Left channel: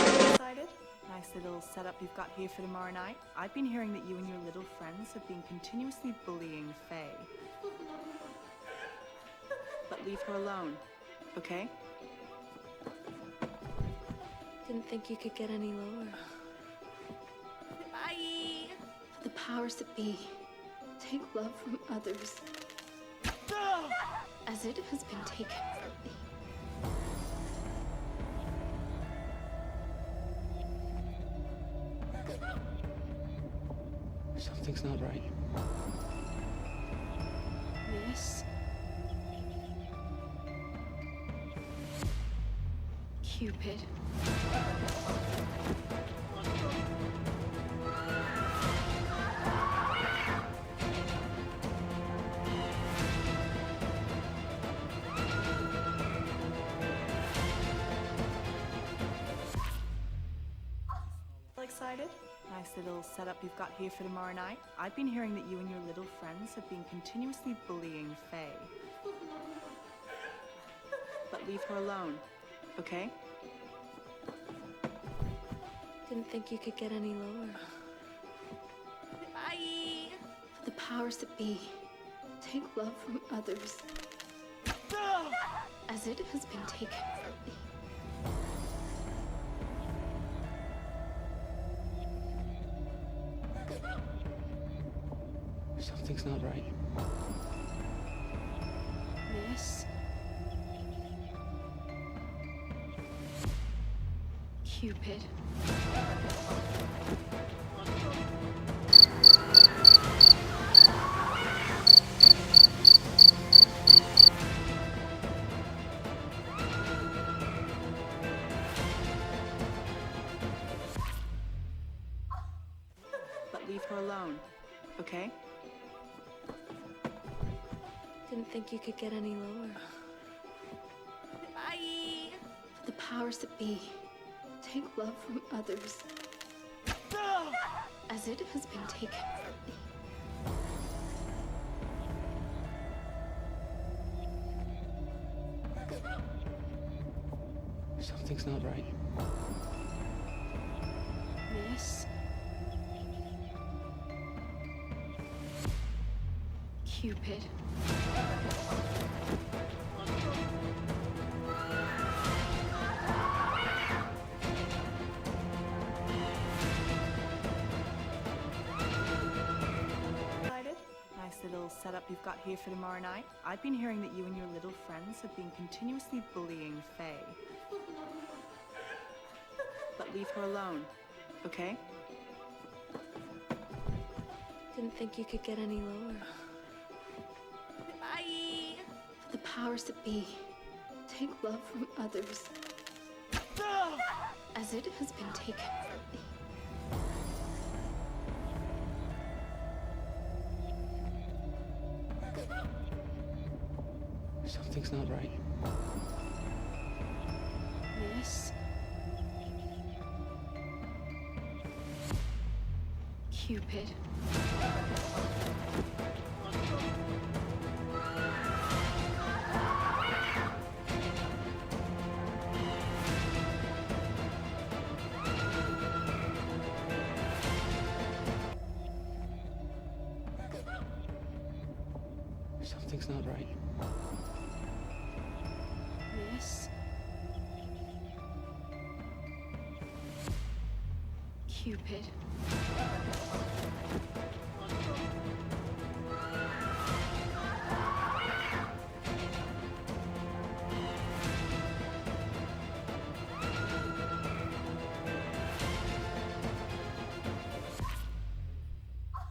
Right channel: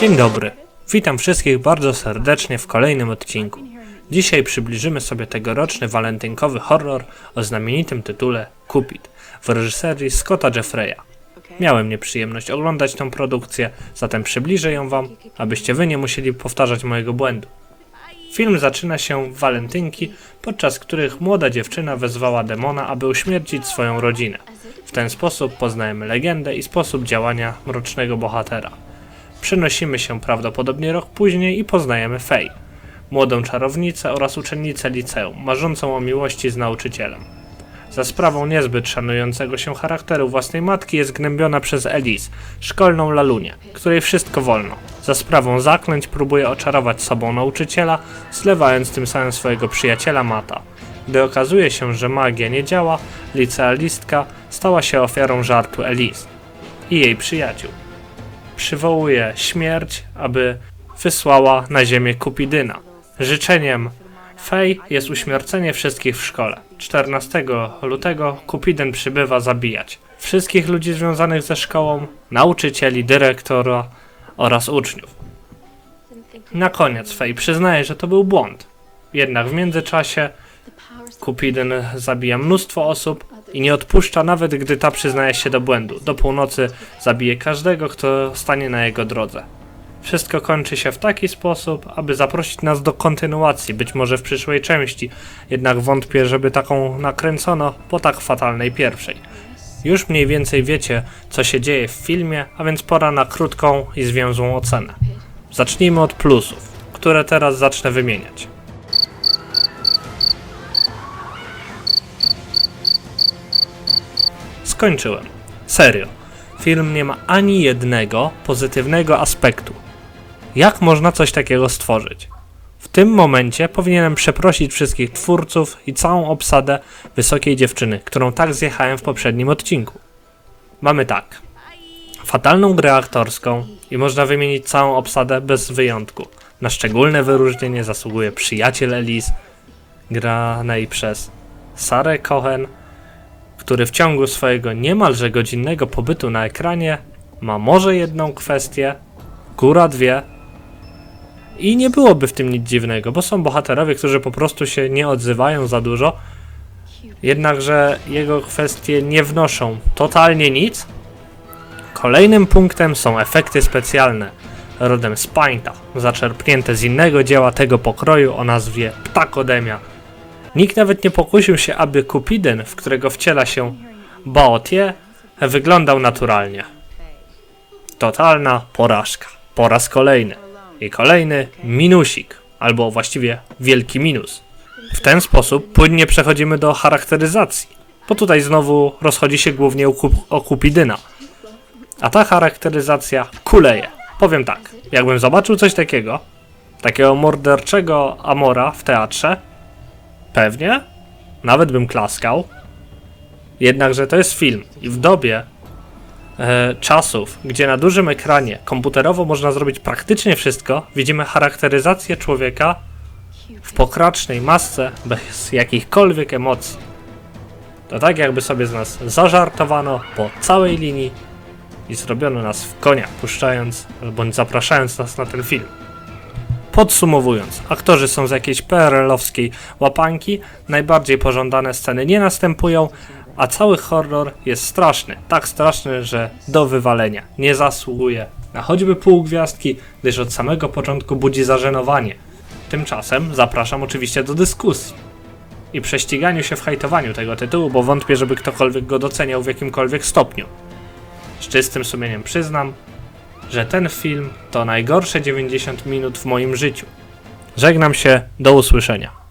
Dzień dobry. Witam wszystkich bardzo serdecznie w kolejnym odcinku. Dzisiaj przybliżymy sobie tegoroczny walentynkowy horror o znamienitym tytule Cupid w reżyserii Scotta Jeffreya. Miałem nieprzyjemność oglądać tą produkcję, zatem przybliżę ją wam, abyście wy nie musieli powtarzać mojego błędu. Film zaczyna się w walentynki, podczas których młoda dziewczyna wezwała demona, aby uśmiercić swoją rodzinę. W ten sposób poznajemy legendę i sposób działania mrocznego bohatera. Przenosimy się prawdopodobnie rok później i poznajemy Fej, młodą czarownicę oraz uczennicę liceum, marzącą o miłości z nauczycielem. Za sprawą niezbyt szanującego się charakteru własnej matki jest gnębiona przez Elise, szkolną lalunię, której wszystko wolno. Za sprawą zaklęć próbuje oczarować sobą nauczyciela, zlewając tym samym swojego przyjaciela Mata. Gdy okazuje się, że magia nie działa, licealistka stała się ofiarą żartu Elise i jej przyjaciół przywołuje śmierć, aby wysłała na ziemię Kupidyna. Życzeniem Fej jest uśmiercenie wszystkich w szkole. 14 lutego Kupidyn przybywa zabijać wszystkich ludzi związanych ze szkołą, nauczycieli, dyrektora oraz uczniów. Na koniec Fej przyznaje, że to był błąd. Jednak w międzyczasie Kupidyn zabija mnóstwo osób i nie odpuszcza nawet gdy ta przyznaje się do błędu. Do północy zabije każdego, kto stanie na jego drodze. Wszystko kończy się w taki sposób, aby zaprosić nas do kontynuacji, być może w przyszłej części, jednak wątpię, żeby taką nakręcono po tak fatalnej pierwszej. Już mniej więcej wiecie, co się dzieje w filmie, a więc pora na krótką i zwięzłą ocenę. Zacznijmy od plusów, które teraz zacznę wymieniać. Skończyłem. Serio. Film nie ma ani jednego pozytywnego aspektu. Jak można coś takiego stworzyć? W tym momencie powinienem przeprosić wszystkich twórców i całą obsadę wysokiej dziewczyny, którą tak zjechałem w poprzednim odcinku. Mamy tak. Fatalną grę aktorską i można wymienić całą obsadę bez wyjątku. Na szczególne wyróżnienie zasługuje przyjaciel Elise, granej przez Sarę Cohen, który w ciągu swojego niemalże godzinnego pobytu na ekranie ma może jedną kwestię, góra dwie. I nie byłoby w tym nic dziwnego, bo są bohaterowie, którzy po prostu się nie odzywają za dużo, jednakże jego kwestie nie wnoszą totalnie nic. Kolejnym punktem są efekty specjalne, rodem z Painta, zaczerpnięte z innego dzieła tego pokroju o nazwie Ptakodemia. Nikt nawet nie pokusił się, aby Kupidyn, w którego wciela się Baotie, wyglądał naturalnie. Totalna porażka. Po raz kolejny. I kolejny minusik, albo właściwie wielki minus. W ten sposób płynnie przechodzimy do charakteryzacji, bo tutaj znowu rozchodzi się głównie o, Kup- o Kupidyna. A ta charakteryzacja kuleje. Powiem tak, jakbym zobaczył coś takiego, takiego morderczego Amora w teatrze, Pewnie. Nawet bym klaskał. Jednakże to jest film i w dobie e, czasów, gdzie na dużym ekranie komputerowo można zrobić praktycznie wszystko, widzimy charakteryzację człowieka w pokracznej masce bez jakichkolwiek emocji. To tak jakby sobie z nas zażartowano po całej linii i zrobiono nas w konia, puszczając bądź zapraszając nas na ten film. Podsumowując, aktorzy są z jakiejś PRL-owskiej łapanki, najbardziej pożądane sceny nie następują, a cały horror jest straszny, tak straszny, że do wywalenia. Nie zasługuje na choćby pół gwiazdki, gdyż od samego początku budzi zażenowanie. Tymczasem zapraszam oczywiście do dyskusji i prześciganiu się w hajtowaniu tego tytułu, bo wątpię, żeby ktokolwiek go doceniał w jakimkolwiek stopniu. Z czystym sumieniem przyznam, że ten film to najgorsze 90 minut w moim życiu. Żegnam się, do usłyszenia.